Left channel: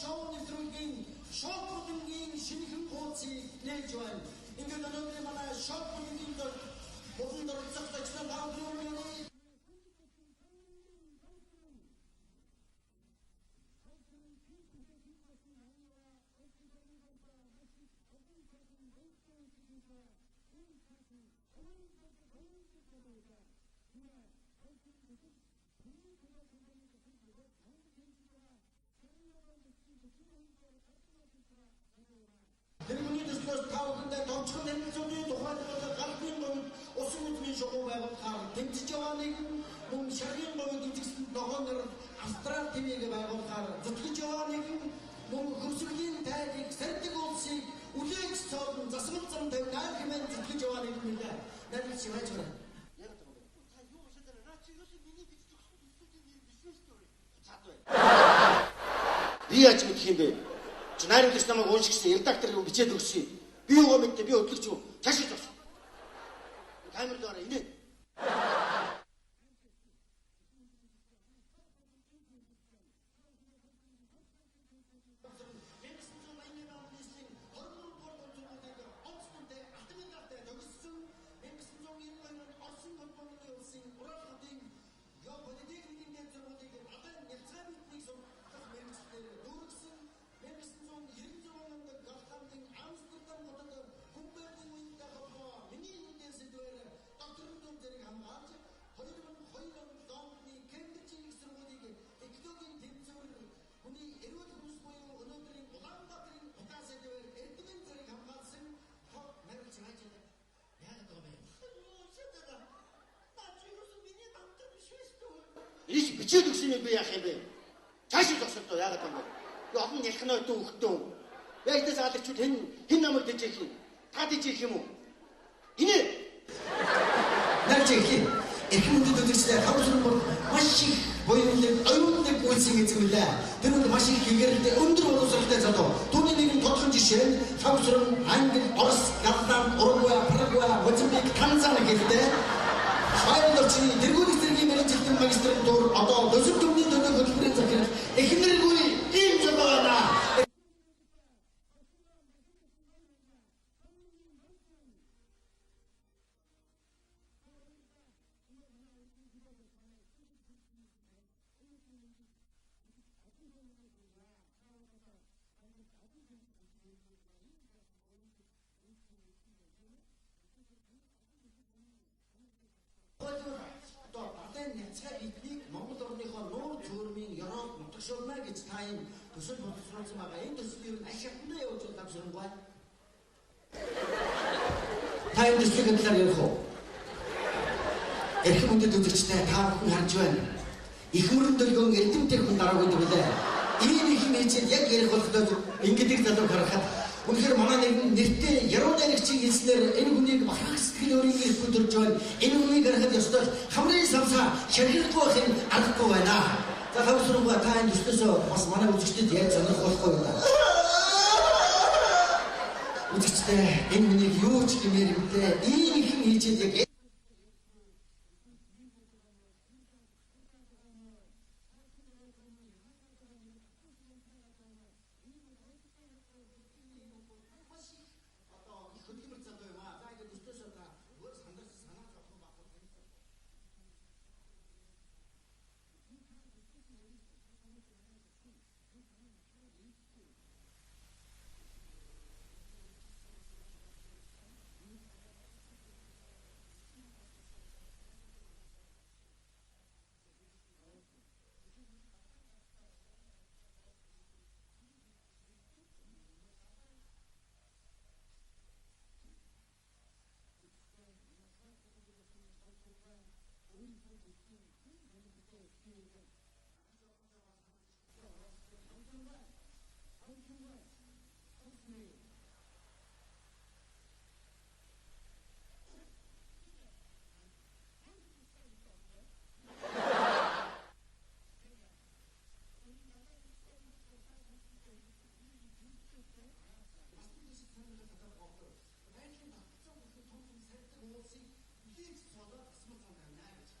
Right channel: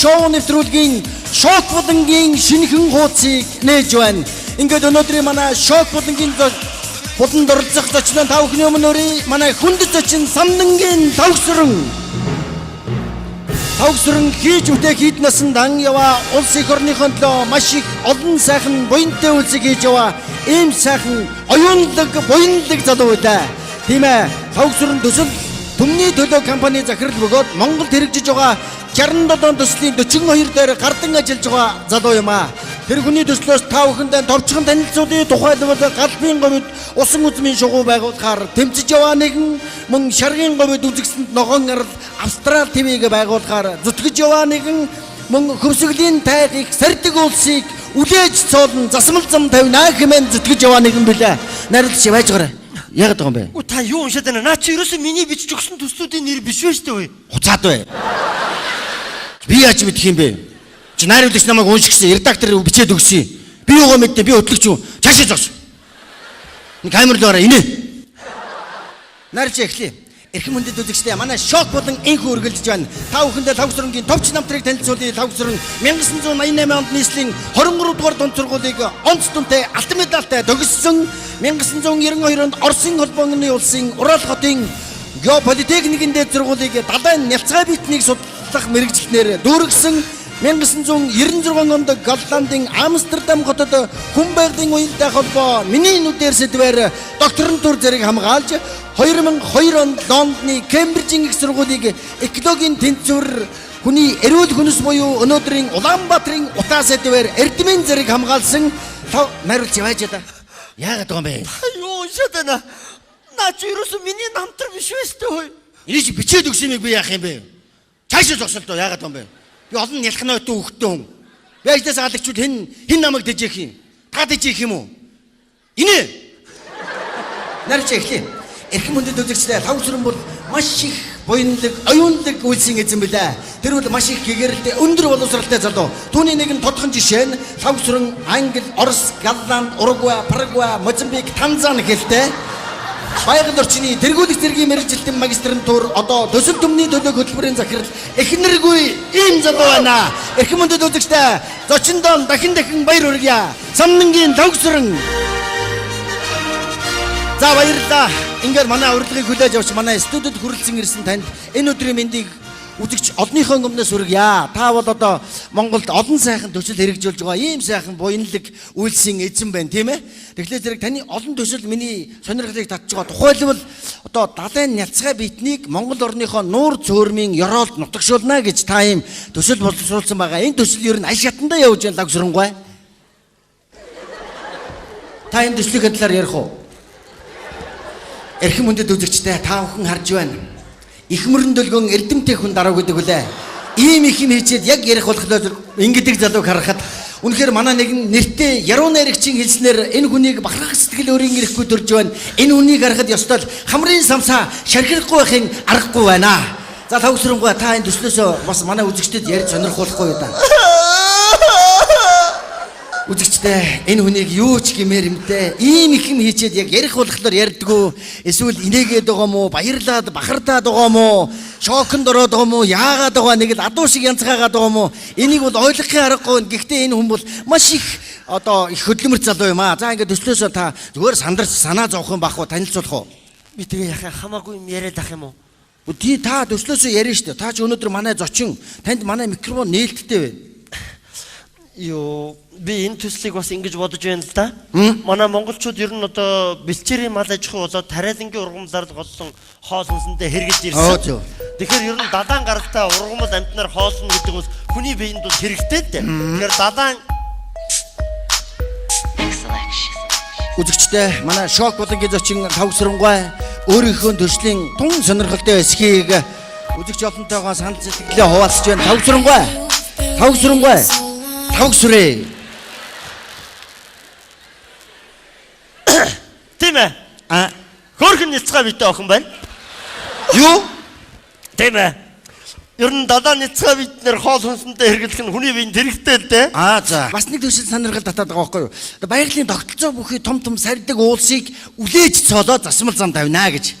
шоу нэвтрүүлгийн шок булангийн шинэхэн хуудсыг нээж байна. Ингээд өнөөдрийн манай шок булангийн буланд оролцох зочин та бүхний өмнө өрий манай хүнд зочин Самдангийн Тавгсран хийж үтэй хийднээс дан яваа улс их орныхон төлөө маш их олон сайхан буянтай үйлсийг хийж яваа ийм сайхан оюунлаг буянлаг залуу байлаа. Тийм ээ. Тавгсран төсөл төмний төлөө компани захирал бөгөөд Монголд хэрэгжиж байгаа 67 төслийн 42 дээр гардан ажиллаж байгаа залуу юм аа. Тэр хүний төслөөс та бүхэндээ товчхон танилцуулъя. Тухайлбал галбын говьд усан үзмийн шугуу байгуулахаар тэмцэж яваа нэгэн, мөн шаргын говьд үзэгсэнд ногоон арал Австрал ТV-г байгуулахаар зүтгэж яваа нэгэн, мөн хөвсгөлийн тайхыг сардаг улсыг үлээж цоолн засмал зам тавина хэмээн зүтгэж яваа нэгэн билээ. Найруулагч байж гараа. Яг байгаа юм бэ? Та юу уншаад байна? Наа чи ерөөсөө миний бичиж өгсөн төслүүдийн нэр биш вэ штэ вэ? Хуцаад бай. Би яаж мэдэх юм бэ? Чи найруулагч намайг уншигсан, редактор бичээд өгсөн. Би юугаа мэдтээ, би хөтлөгч юу? Чаашаа зогс. Нэг камер л ороо инээ. Найруулагч эхлэе. Эрхэм хүндэт үзэгчдээ манай шок болон энхүү үргэлжлэж байна. Та бүхэндээ Тавгсрангийн товч намтрыг танилцуулъя. Тавгсран 1988 онд нийслэлийн 23 дугаар дунд сургуулийг онц дүнтэй алтан медальтай төгссөн. 1992 онд Оросын холбооны улсын Урал хотын геополитехникийн дээд сургуулийг далайн нялцгай битнийг судлах мэрэгчлэнээр дүүргэсэн. 1996 онд Голландын Амстердам хотод хүн байгалийн уянтай холбоо миний нүдээр сэдвээр докторантур зэрэг хамгаалж 2002 онд Лондоны Кембрижийн их сургуулийг экологийн тэнцвэр хүний эрүүл хүнс буюу өнөөдрийн Улаанбаатарын утаа сэдвээр эрдэмийн зэрэг хамгаалсан найруулж явж байгаа. Яагаад байгаа юм бэ? Юу уншаад байна? Наа чи ерөөсөө миний намтар биш вэ штэ вэ? Энийг чи бичээд өгсөн юм би яах юм бэ? Цаашаа зогсолтоо яагаад байгаа юм бэ? Би олон нялхнаатай хөхтөн хүн. Би ажлаас галагчуд хэн намайг дэжих юм? Та дэжих юм уу? Инээ. Нарч эхлэе. Эрхэм хүндэт үзэгчдээ Тавгсран бол маш их буянлаг, оюунлаг үйлсийн эзэн билээ. Тэр бол маш их гэгэрэлтэй, өндөр боловсралтай залуу. Түүний нэгэн тодхон жишээ нь Тавгсран Англи, Орос, Голланд, Уругвай, Парагвай, Мозамбик, Танзани гэлтэй байгаль орчны тэргүүлэх зэргийн мэргэжилтийн магистрантур одоо төсөл төмний төлөв хөтөлбөрийн захирал эхнэргүй ийм залуу байна. Эрхэм хүндэт үзэгчдээ зочиндоо дахин баяр хүргье. Самдангийн Тавгсран. За баярлалаа. Ингээд манай урилгыг хүлээж авч манай студид хүрэлцэн ирсэн танд энэ өдрийн мэндийг үзэгч олонныхоо өмнөөс хүргье. Та бол одоо Монголд олон сайхан төсөл хэрэгжүүлж байгаа ийм сайхан буянлаг үйлсийн эзэн байна, тийм ээ? Тэгэхээр зэрэг таны олон төсөл миний сонирхлыг татж байгаа. Тухайлбал одоо далайн нялцгай битнийг Монгол орныхоо нуур цөөрмийн ёроолд нутагшуулна гэж та ийм төсөл боловсруулсан байгаа. Энэ төсөл ер нь аль шатандаа явж байна Тавгсрангуй. Та энэ төслийг талаар ярих уу? Эрхэм хүндэт үзэгчдээ та бүхэн харж байна. Их мөрөн дөлгөн эрдэмтэй хүн дарав гэдэг үлээ. Ийм их юм хийчихэд яг ярих болохоор ингэдэг залууг харахад үнэхээр манай нэгэн нэртэй яруу найрагчийн хэлснээр энэ хүнийг бахархах сэтгэл өөрийн ирэхгүй төрж байна. Энэ хүнийг харахад ёстой хамрын самсаа шархихгүй байхын аргагүй байна. За Тавгсрангуй та энэ төслөөсөө бас манай үзэгчдэд ярьж сонирхуулахгүй юу та? Үзэгчдээ энэ хүнийг юу ч гэмээр юмтэй ийм их юм хийчихэд яг ярих болохоор ярьдгүү. Эсвэл инээгээд байгаа мó, баярлаад бахардаад байгаа мó, шоконд ороод байгаа мó, яагаад байгаа нэг л адуу шиг янзгаагаад байгаа мó. Энийг бол ойлгохын аргагүй. Гэхдээ энэ хүн бол маш их одоо их хөдөлмөрт залуу юм аа. За ингээд төслөөсөө та зүгээр сандарч санаа зовх юм бахгүй танилцуулах уу? Би тэгээ яхаа хамаагүй юм яриад ах юм уу? Тий та төслөөсөө ярина шүү дээ. Та ч өнөөдөр манай зочин танд манай микрофон нээлттэй байна. Юу би энэ төслийг бас ингэж бодож байна л да. Манай монголчууд ер нь одоо бэлчээрийн мал аж ахуй болоод тариалангийн ургамлаар голсон хоол хүнсэндээ хэрэгж ирсэн. Тэгэхээр ер нь далайн гаралтай ургамал амтнаар хоолно гэдэг нь хүний биед бол хэрэгтэй дээ. Тэгэхээр далайн үзэгчдээ манай шок булангийн зочин Тавгсрангуй өөрийнхөө төслийн тун сонирхолтой эсхийг үзэгч олонтойгоо санал сэтгэлээ хуваалцж байна. Тавгсрангуй Тавгсрээ. Тийм ээ. Хөөрхөн нэлцгай битэй охин байна. Юу? Тийм ээ. Ер нь далайн нэлцгай битнэр хоол хүнсэндээ хэрэглэх нь хүний биед хэрэгтэй л дээ. За. Бас нэг төсөл сонирхол татаад байгаа байхгүй юу? Байгалийн тогтолцоо бүхий том сардаг уулсыг үлээж цоолоод засмал зам тавина гэж.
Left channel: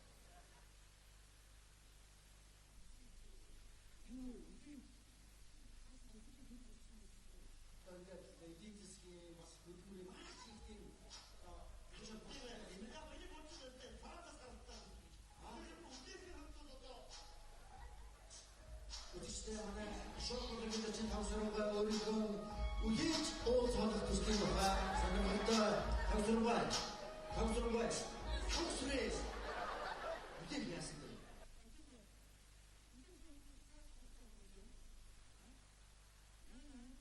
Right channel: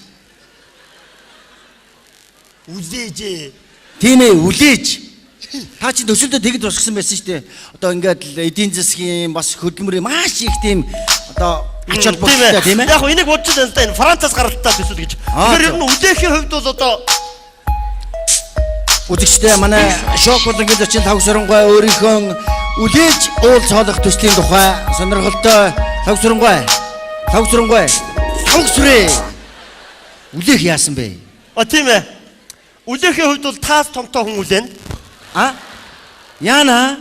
Үлээж. Тийм ээ, үлээж. Та чи төсөлдөө тэгэд босгсон байсан шүү дээ. Одоо ингээд л эдийн засгийн бас хөдөлмөрийн маш их тийм одоо ач холбогдолтой тийм ээ. Яг энийг бодож байна л да энэ Францаас гаралтай төсөл гэж. Тэгэхээр ер нь үдээхийн хувьд бол одоо үзэгчтэй манай шок болонгийн 45 сүрэнгой өөрийнхөө үлээж уул цоолох төслийн тухай сонирхолтой тав сүрээ үлээх яасан бэ? Тийм ээ. Үлээхийн хувьд бол таас томтой хүн үлээн. Яна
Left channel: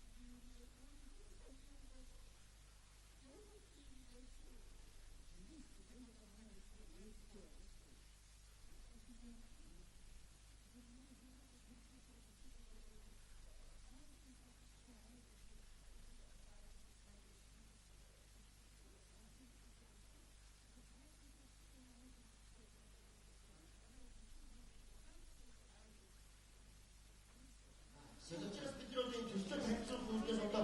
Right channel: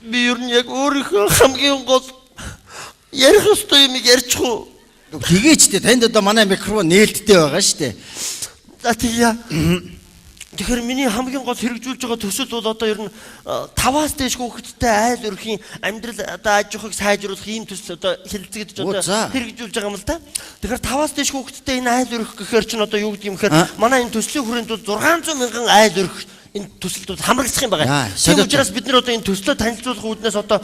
Би ер нь яг өөрийнхөө хамгийн гол ярих ёстой юм ярьчихгүй. тэгээч дээ танд одоо манай микрофон нээлттэй байгаа шүү дээ. За тийя. Тэгэхээр миний хамгийн гол хэрэгжүүлж байгаа төсөл бол одоо ер нь 5-аас дээш хүүхэдтэй айл өрхийн амьдрал одоо аж ахуйг сайжруулах ийм төсөл одоо хэлэлцэгдэж одоо хэрэгжүүлж байгаа юм л да. Тэгэхээр 5-аас дээш хүүхэдтэй энэ айл өрх гэхээр чинь одоо юу гэдэг юм гэхээр манай энэ төслийн хүрээнд бол 600 мянган айл өрх энэ төсөлд хамрагдах юм байна. Тийм учраас бид нар одоо энэ төслөө танилцуулах үүднээс одоо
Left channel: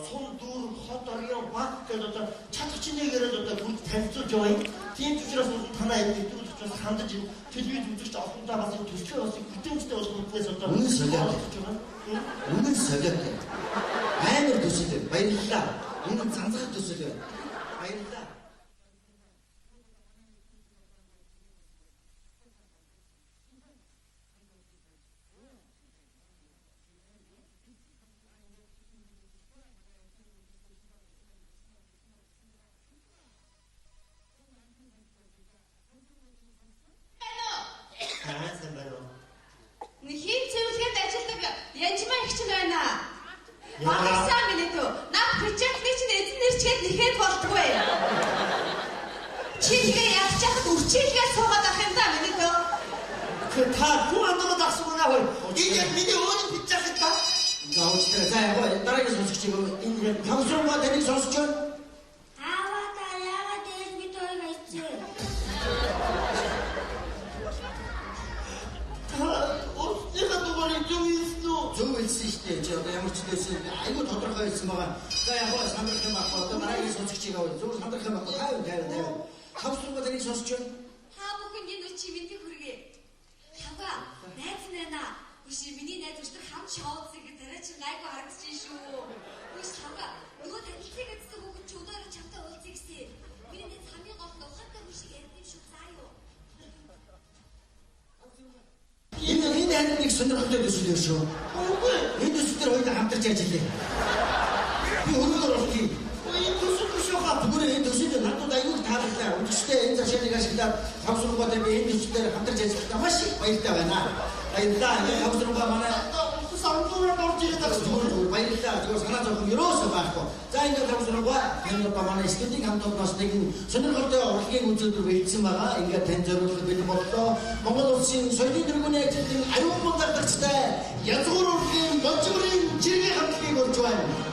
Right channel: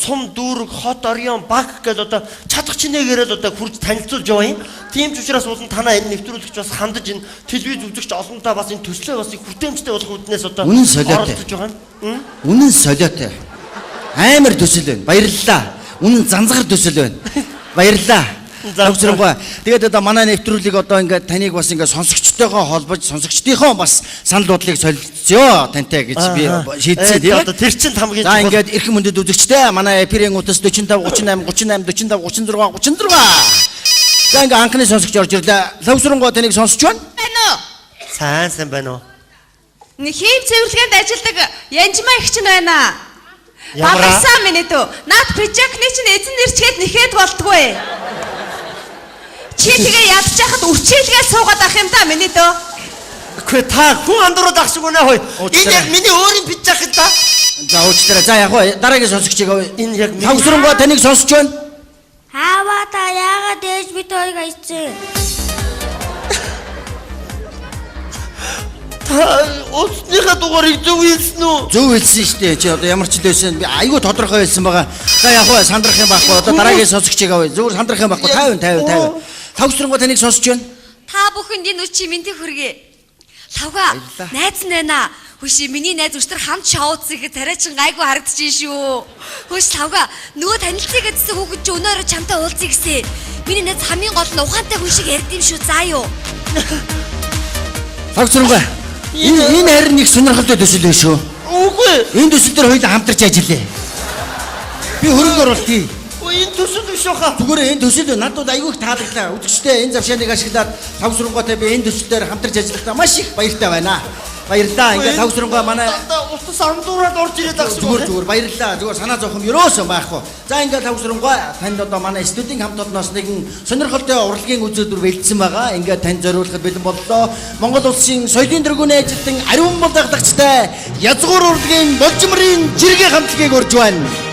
сум дүүрэг хот орён баг гэдэг одоо чадах чинээгээрээ одоо хурж танилцуулж яваа юм. Тийм ч учраас уулын танаа энэ нэвтрүүлэгч бас хандаж энэ телевиз үзэгч олонтаа бас энэ төслөө бас их хүртээмжтэй болох үүднээс одоо оролцож байгаа юм. Үнэн солиотой. Амар төсөл байна. Баярлалаа. Үнэн занзгар төсөл байна. Баярлалаа. Завсрангуй. Тэгээд одоо манай нэвтрүүлгийг одоо ингээд таныг бас ингээд сонсогчтойгоо холбож сонсогчдийнхоо бас санал бодлыг солилцъё тантай гэж би шийдсэн тийм ээ. Одоо тэр чинь хамгийн за ингээд эрхэм мөндөд үзэгчтэй манай эфирийн утас 45 38 38 45 36 36. За ингээд анхны сонсогч орж ирлээ. Завсрангуй таныг сонсож байна? Байна уу? Сайн байна уу? Нэг хийм цэвэрлэгэнд ажилладаг Янжмаа их чинь байна. Багсаа минь дөө. Наад пижакны чинь эзэн нэрчгээд нэхэд болдгоо. Чи тэгээ ядчихад үрчээлгээ суугаад ах юм да миний дөө. Гэхдээ та хүн андуураад ах шиг үнэ хой. Энэ яг миний өөрийн пижак та. За уучлаарай. За яг дараагийн сонсогчийг энэ яг Завсрангуй таныг сонсож байна? Хаава та яагаад ээж бид хоёрыг айцээ? Усныхаа дугаарыг зөв хэлсэн үү? Зөв хэлсэн шүү дээ. Чи одоо ямар ч лээсэн би айгүй тодорхой хэлсэн байгаа. За яг хаа сандрах юм байхгүй. Одоо дараагийн сонсогчийг авъя. Зүгээр сандрах юм байхгүй. 50. Завсрангуй таныг сонсож байна? Та бүхэнд энэ үчи мэндийг хүргэе. Лавга найз нь байна. Хөөш миний найз өчтөр хамт шоу үзэхэд тариа чин гайгүй харагдчихжээ шүү. Хөөш лавга нөгөө танилцъя гэдсэн хүүхэд чи өнөөрөө чамтай уулзъя гэсэн. Миний найз хамгийн гол нь ухаантай хүн шиг ярьд юм шүү. Заа юу. Завсрангуй. Энэ харин нэг сонирхолтой төсөл байх шүү. Үгүй. Энэ төсөл дээр хоёул хамтарч ажиллая. Би хөрөнгө оруулалтыг. Энэ төсөл биш хаа. Зүгээр энэ төсөл надад айгүй их таалагдлаа. Үзэгчтэй энэ завшааныг ашиглаад Завсрангуйтай би энэ төсөл дээр хамтарч ажиллахдаа маш их баяртай байна. Баярлалаа. Ингээд Завсрангуй манай устас андуураад орж ирээд байгаа шүү. Зүгээр баярлалаа. Зүгээр санаа зовхон ерөөсөө байхгүй. За ингээд Завсрангуй танд одоо манай студийн хамт олонноос нэгэн сонирхолтой урлагийн үзүүлбэр бэлдсэн байгаа. Ингээд тань зориулахад бэлэн боллоо. Монгол улсын соёлын тэргүүний ажилтан ариун бол даглагчтай язгуур урлагийн болжмрын жиргээ хамтлагийг урьж байна.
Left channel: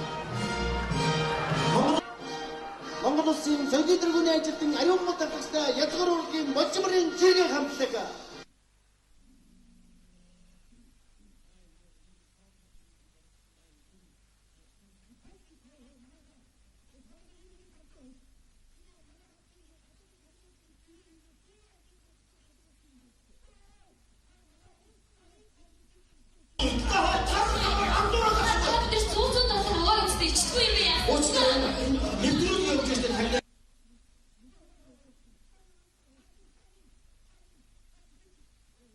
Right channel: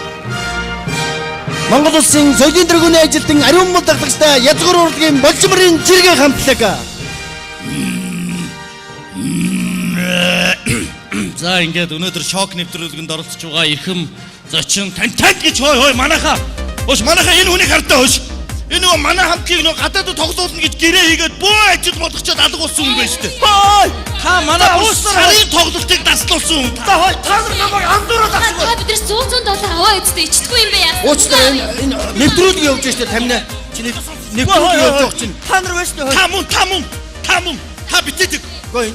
Монгол улсын соёлын тэргүүний ажилтан ариун бол даглагчтай язгуур урлагийн болжмрын жиргээ хамтлаг. За ингээд өнөөдөр шок нэвтрүүлгэнд оролцож байгаа эрхэм зочин тантад гэж хой манайхаа. Хөөш манайхаа энэ хүнийг хардаа хөөш. Энэ нөгөө манай хамтгийг нөгөө гадаадд тоглоулна гэж гэрээ хийгээд бөө ажил болгочоод алга болсон хүн байж тээ. Хой! Та манай сарын тоглолтыг даслуулсан хүн. Та хой та намайг андуураад ах. Та бид нар 100 аваа эцтэй ичдэггүй юм бэ яа. Уучлаарай энэ нэвтрүүлэг явж штэ тамина. Чи нэвтрүүлэг явж байгаа чинь. Та нар байж тээ. Та битээдэг. Гой.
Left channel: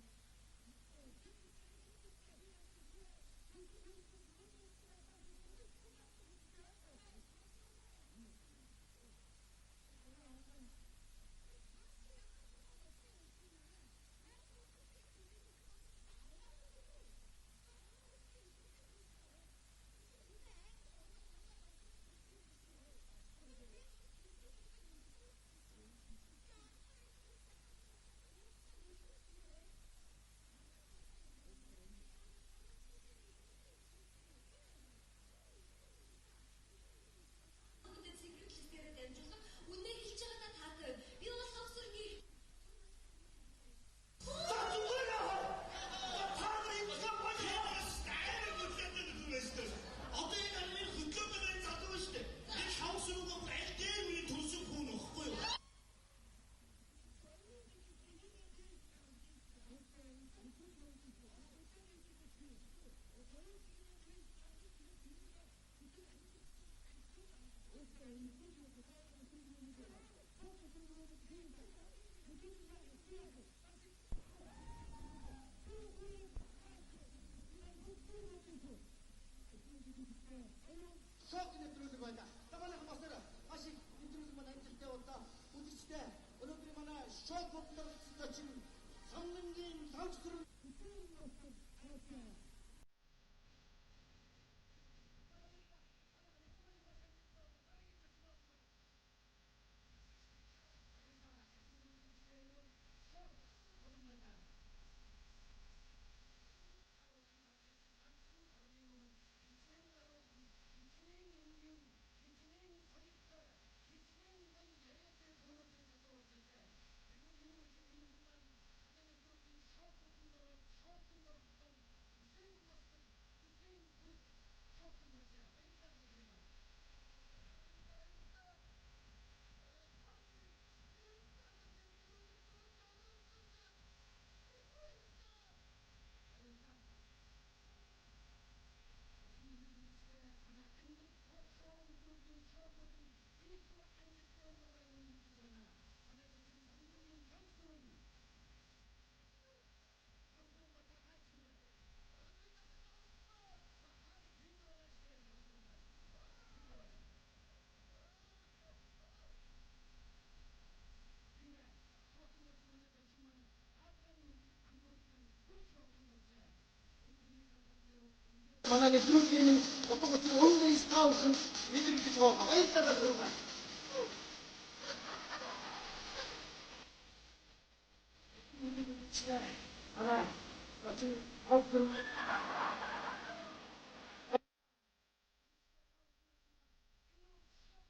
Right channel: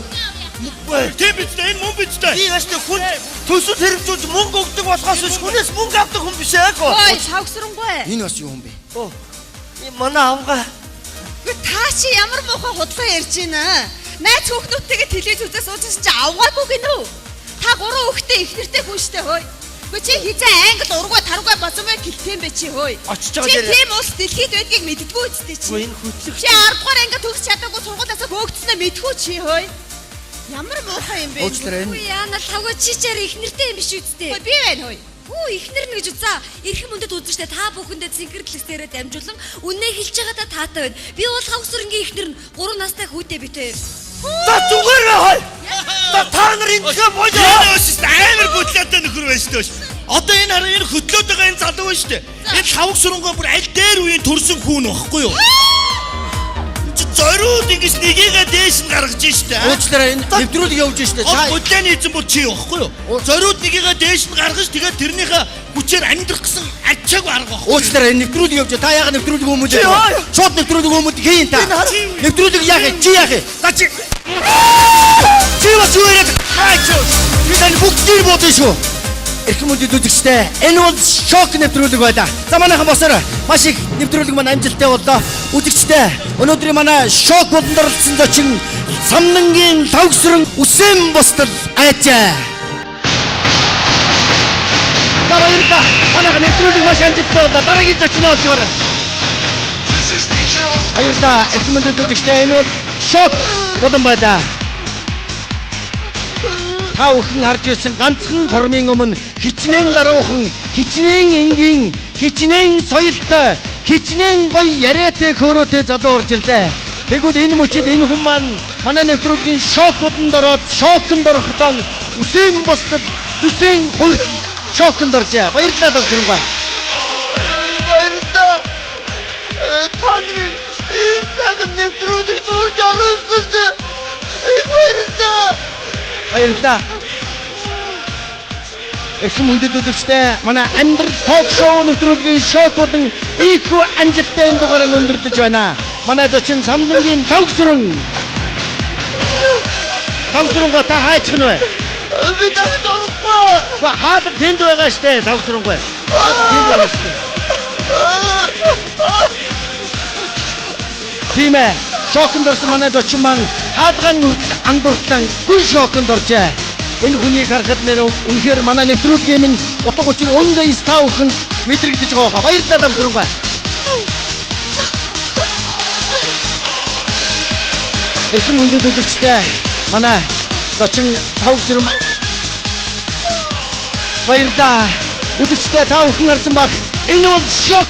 Тэм битээ энэ мөн битээ. Би байж тээ хүн төсөл хэрэгжүүлж мөнгө өгдөг болохоос биш хүнээс мөнгө авдаг хүн биш яг. Ой, Завсрангуй. Энэ бас юу юм бэ? Манай авга. Та чи ямар муухай худлаа ярьж байна? Найз хүүхдүүдтэйгээ телевиз үзээ суужсэн чи авгаагүй гинэ үү? Та гурван хүүхдээ их нэртэй хүн штэ хөөе. Чи хизээ англи ургуй таргуй босомой гэлтэн бэ чи хөөе. Очиж байгаа Чи дээр. тийм улс дэлхийд байдгийг мэддэггүй үстэй чи. Энэ хөтлөх. Чи 10 дугаар анги төгс чадаагүй сургуулиасаа хөөгдснөө мэдгүй чи хөөе. Ямар муухай юм бэ? Уучлаарай. Үгүй яана лавга чи чаар их нэртэй юм биш үстэй. Би байна хөөе. Хүү ихнэр нь гэж үзээ. Эрхэм мөндөд үзэж та бүхэндээ цэнгэрлэгсээрээ дамжуулан үнэ хэлж байгаадаа таатай байна. Би бол хавсрынгийн ихнэр нь 3 настай хүүтэй битээ. За зүгээр хой. Та нар ингээ боёо. Энэ амар бодлоотой нөхөр байж тээ. Одоо энэ хараа энэ хөтлөөд байгаа энэ залуу байна шүү дээ. Энэ Завсрангуй бүр аль дээр үеийн төрсөн хүн واخгүй юу? зориуд ингэж нэгийгээ дээш нь гаргаж штэ. Уучлаарай энэ нэвтрүүлэг явуулж штэ. Та Гудлааны эзэн бүр чи явахгүй юу? Зориуд нэгийгээ дээш нь гаргаж тэгээд тэрнийхээ хүчээр амьдрах гэсэн ачааг арга байхгүй. уучлаарай энэ нэвтрүүлэг явуулж. Та яагаад нэвтрүүлэг өмөж? Шууд нэвтрүүлэг өмөд хийн та. Нэвтрүүлэг яах вэ? Чи яах вэ? За чи. Чи бас юу яриад? Хаач. Би тань бүгдийг бодсон шүү. Эрхэм үндэд үзэгчтэй. Энэ бол шок нэвтрүүлэг байлаа. За манайхан босоор маш их нэвтрүүлэг маань амжилттай боллоо. Үзэгчтэй. Өнөөдрийн манай шок болонд оролцсон зочин Самнангийн тавгсран Үсэн бостол айжаа. За баярлалаа. Манайхан нэвтрүүлэг маш амжилттай боллоо. Дараагийн зочин олгоор. Баярлалаа. Эрхэм үндэд үзэгчтэй. Энэ бол шок болон байлаа. Та бүхэн харж ирсэн ганцхан формын өмнө хичнээн гаруухан, хичнээн энгийн, хичнээн соёлтой, хичнээн гоё яриатай хөөрөөтэй залуу орж ирлээ. Тэгвэл энэ мөчид энэ хүн маань манай нэвтрүүлгийн шоконд ороод шоконд орохдоо Үсэн бостол Үсэн шоконд оржээ. Баярлалаа докторгүй. Баярлалаа. Таны энэ нэвтрүүлэг зурж олсон. Баярлалаа. Баярлалаа. Эрхэм үндэд үзэгчтэй манай амьдрал ток шоу нэвтрүүлгийн шок болон ийхүү амжилттай энэ дугаарыг өндөрлөж байна. Манай зочин Самнангийн тавгсран. Тавгсрангаа та хайч гэнэ вэ? Би тавгсрахгүй. Хаад тэнд байгаа штэ тавгсрангаа. Тэнд байгаа штэ. Тимэ шоконд орсон манай зочин маань хаадган ангууртан гүн шоконд оржээ. Энэ хүнийг харахад нэр үнэхээр манай нэвтрүүлгийн минь утга учир өндөө стаавхан мэдрэгдэж байгаа. Баярлалаа дамжруугаа. Эрхэм үндэд үзэгчтэй манай зочин тавгсран баярлалаа. Үзэгчтэй та бүхэн харсан баг. Энэ бол шок